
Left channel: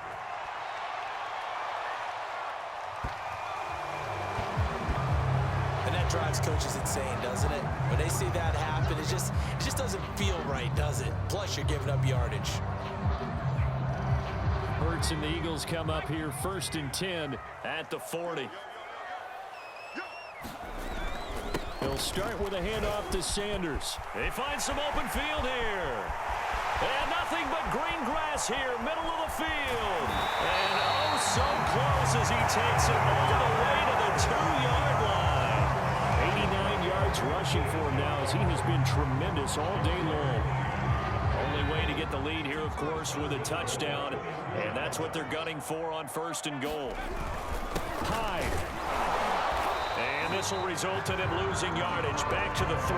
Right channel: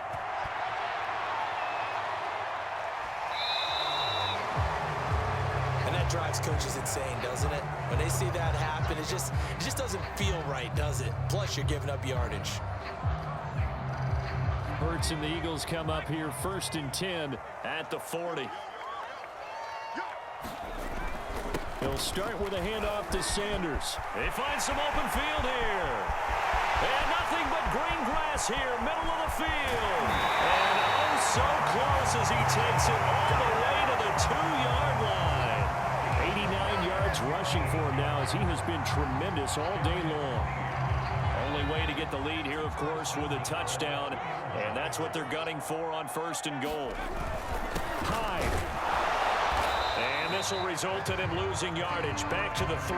And that drives coaches insane, doesn't it? When they see that happen, it just doesn't feel right, does it? Plus, you're giving up yardage. Hurts and the Eagles come up here 1st and 10 at the 40. He'll start with a handoff to Sanders. They find some open field here. And nothing but green grass here, middle of the field. And oh, so close as he takes it all the way to the 2-yard line. 89 yards rushing for him now as he has been tremendous all day long. Only way to get the lead here, of course, with a touchdown. And that's what they're gunning for on 1st and goal. Hyde. And this will result in him losing yardage. Back to the 3.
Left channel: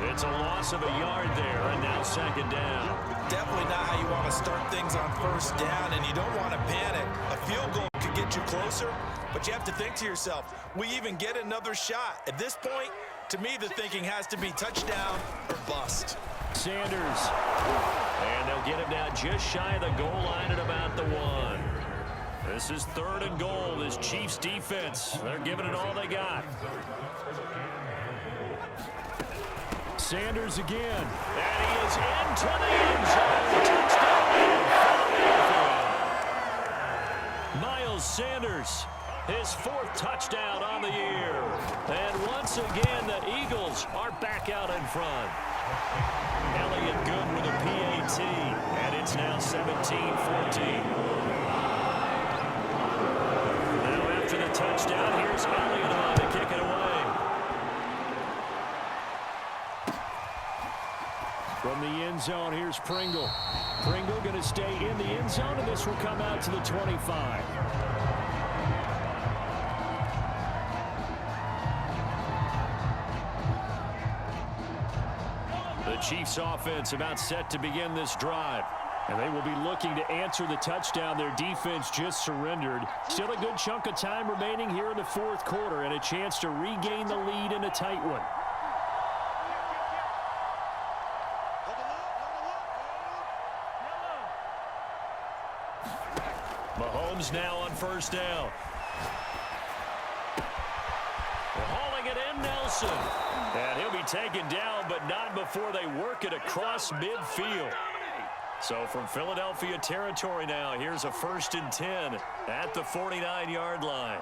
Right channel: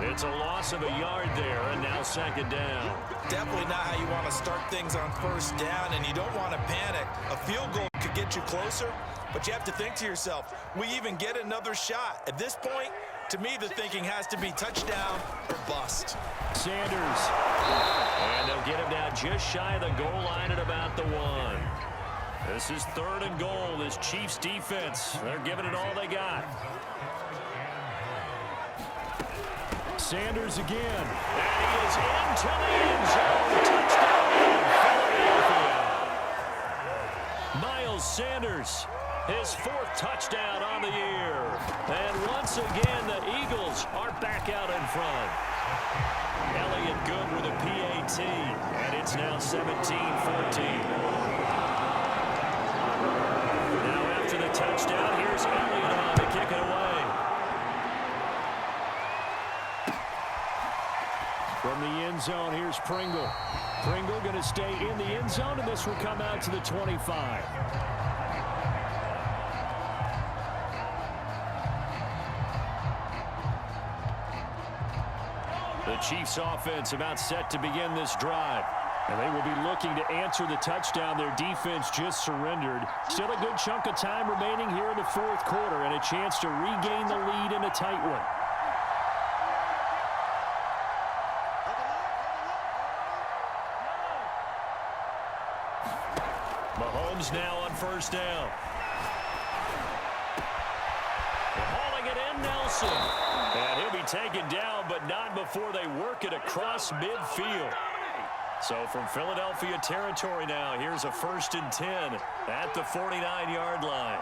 It's a loss of a yard there, and now 2nd down. Definitely not how you want to start things on 1st down, and you don't want to panic. A field goal could get you closer, but you have to think to yourself, we even get another shot. At this point, to me, the thinking has to be touchdown or bust. Sanders. And they'll get him down just shy of the goal line at about the 1. This is 3rd and goal. This Chiefs defense, they're giving it all they got. Sanders again. And he is into the end zone. Touchdown, Philadelphia. Miles Sanders, his 4th touchdown on the year. And once again, the Eagles are back out in front. Elliott good with a PAT. And it's now 17-14. Now after the touchdown, here's Elliott on to kick it away. From the end zone, here's Pringle. Pringle going to stay in the end zone, and this will come out to the 25. The Chiefs offense about set to begin this drive. And they will be looking to answer the touchdown their defense just surrendered. Still a good chunk of time remaining here in the 4th quarter and a chance to regain the lead in a tight one. Mahomes now on 1st down. Hauling it in, Nelson. And he'll be taken down, but not before they work it across midfield. So from Philadelphia territory now, here's a 1st and 10 at the 49-yard line.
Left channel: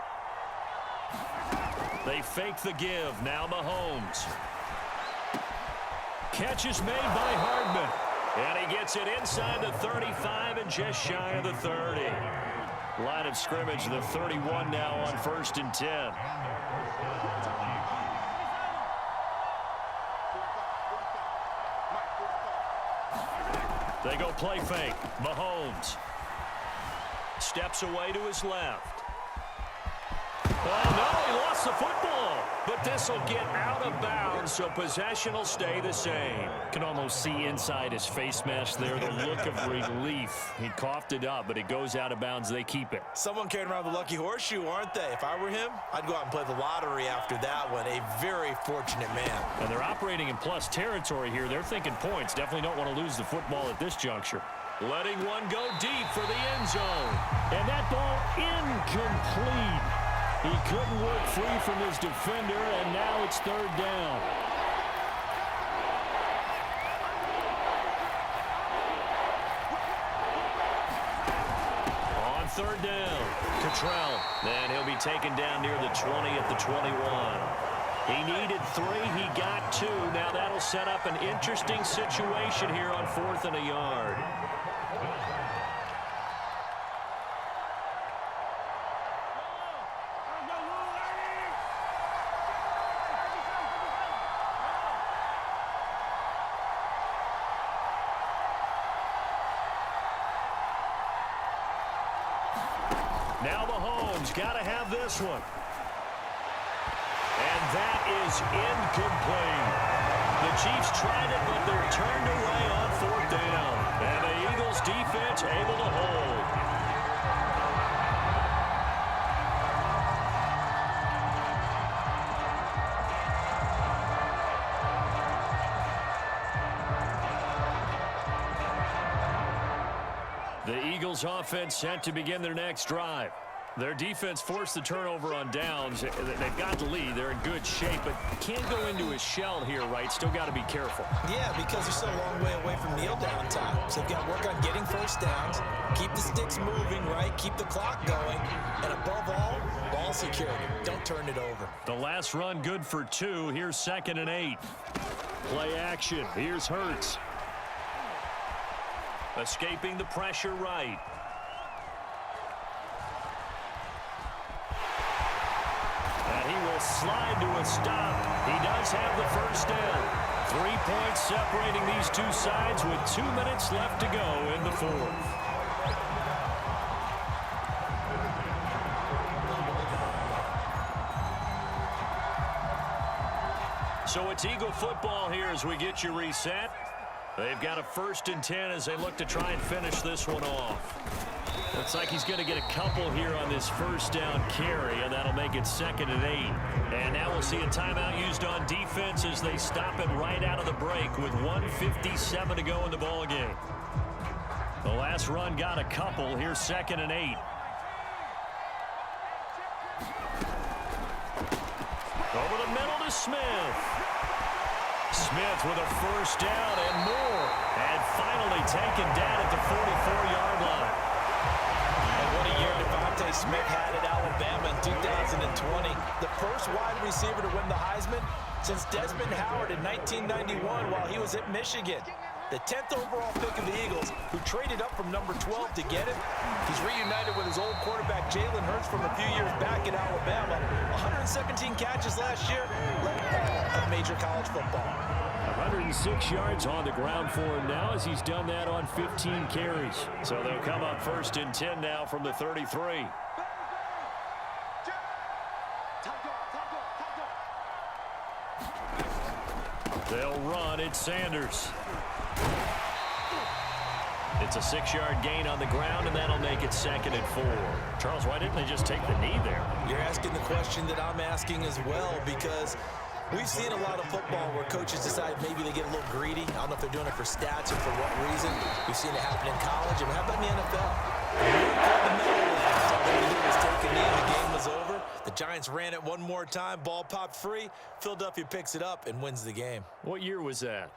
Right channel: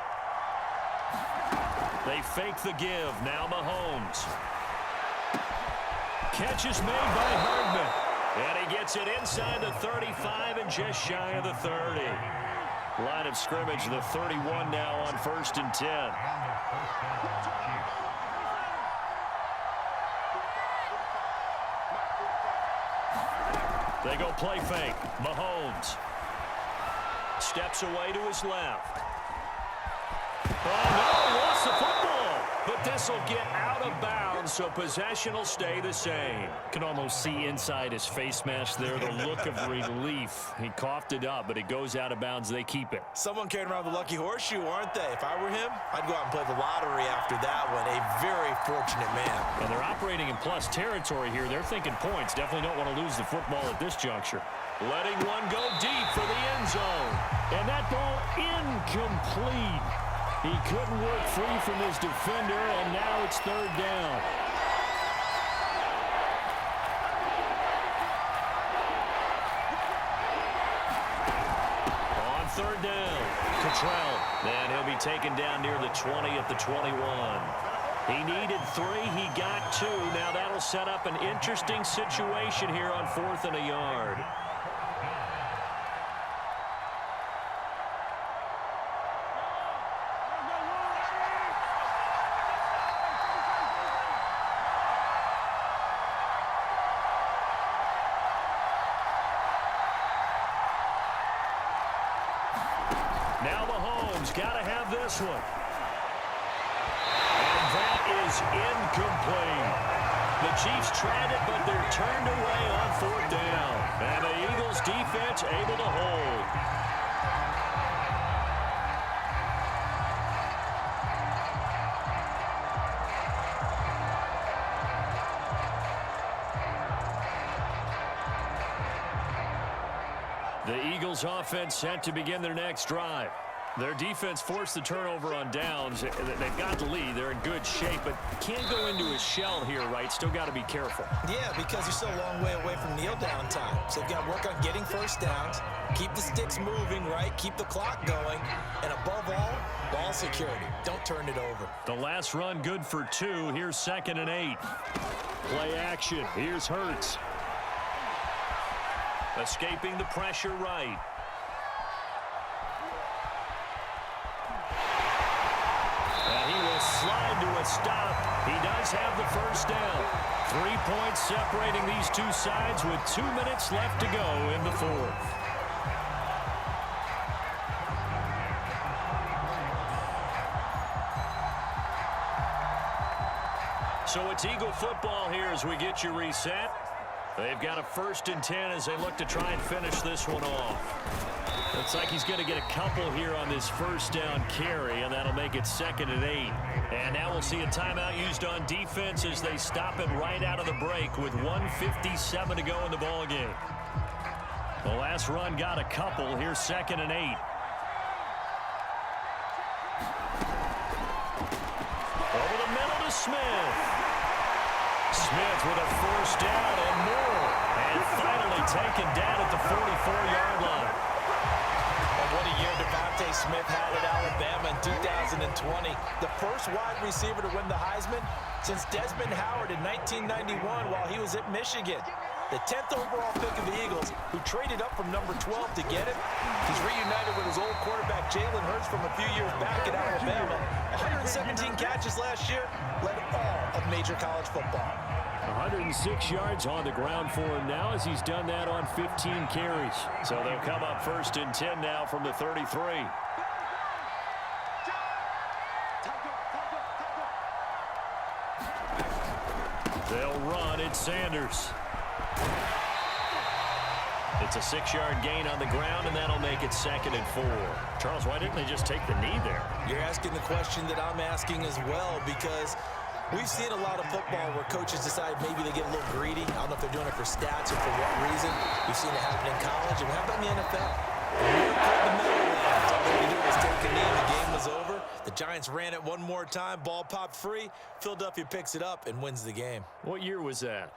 They fake the give. Now Mahomes. Catch is made by Hardman. And he gets it inside the 35 and just shy of the 30. Line of scrimmage, the 31 now on 1st and 10. They go play fake. Mahomes steps away to his left. Oh, no, he lost the football. But this will get out of bounds, so possession will stay the same. Can almost see inside his face mask there, the look of relief. He coughed it up, but it goes out of bounds. They keep it. Someone carrying around the lucky horseshoe, aren't they? If I were him, I'd go out and play the lottery after that one. A very fortunate man. And they're operating in plus territory here. They're thinking points. Definitely don't want to lose the football at this juncture. Letting one go deep for the end zone. And that ball incomplete. He couldn't work free from his defender, and now it's third down. On third down, Cottrell. And he'll be taken down near the 20 at the 21. He needed 3. He got 2. Now that'll set up an interesting situation here on 4th and a yard. Now Mahomes got to have this one. And that is incomplete. The Chiefs tried it, but they're turned away on 4th down. And the Eagles defense able to hold. The Eagles offense set to begin their next drive. Their defense forced the turnover on downs. They've got the lead. They're in good shape, but can't go into a shell here, right? Still got to be careful. Yeah, because you're still a long way away from kneel down time. So you've got to work on getting first downs, keep the sticks moving, right? Keep the clock going, and above all, ball security. Don't turn it over. The last run good for 2. Here's 2nd and 8. Play action. Here's Hurts. Escaping the pressure right. And he will slide to a stop. He does have the first down. 3 points separating these two sides with 2 minutes left to go in the 4th. So it's Eagle football here as we get you reset. They've got a 1st and 10 as they look to try and finish this one off. Looks like he's going to get a couple here on this first down carry, and that'll make it 2nd and 8. And now we'll see a timeout used on defense as they stop it right out of the break with 1:57 to go in the ball game. The last run got a couple. Here's 2nd and 8. Over the middle to Smith. Smith with a first down and more. And finally taken down at the 44-yard line. And what a year Devontae Smith had at Alabama in 2020. The first wide receiver to win the Heisman since Desmond Howard in 1991 while he was at Michigan. The 10th overall pick of the Eagles, who traded up from number 12 to get him. He's reunited with his old quarterback Jalen Hurts from a few years back at Alabama. 117 catches last year, led all of major college football. 106 yards on the ground for him now as he's done that on 15 carries. So they'll come up 1st and 10 now from the 33. They'll run. It's Sanders. It's a 6-yard gain on the ground, and that'll make it 2nd and 4. Charles, why didn't they just take the knee there? You're asking the question that I'm asking as well, because we've seen a lot of football where coaches decide maybe they get a little greedy. I don't know if they're doing it for stats or for what reason. We've seen it happen in college. I mean, how about in the NFL? The Meadowlands. All they did was take a knee and the game was over. The Giants ran it one more time. Ball popped free. Philadelphia picks it up and wins the game. What year was that?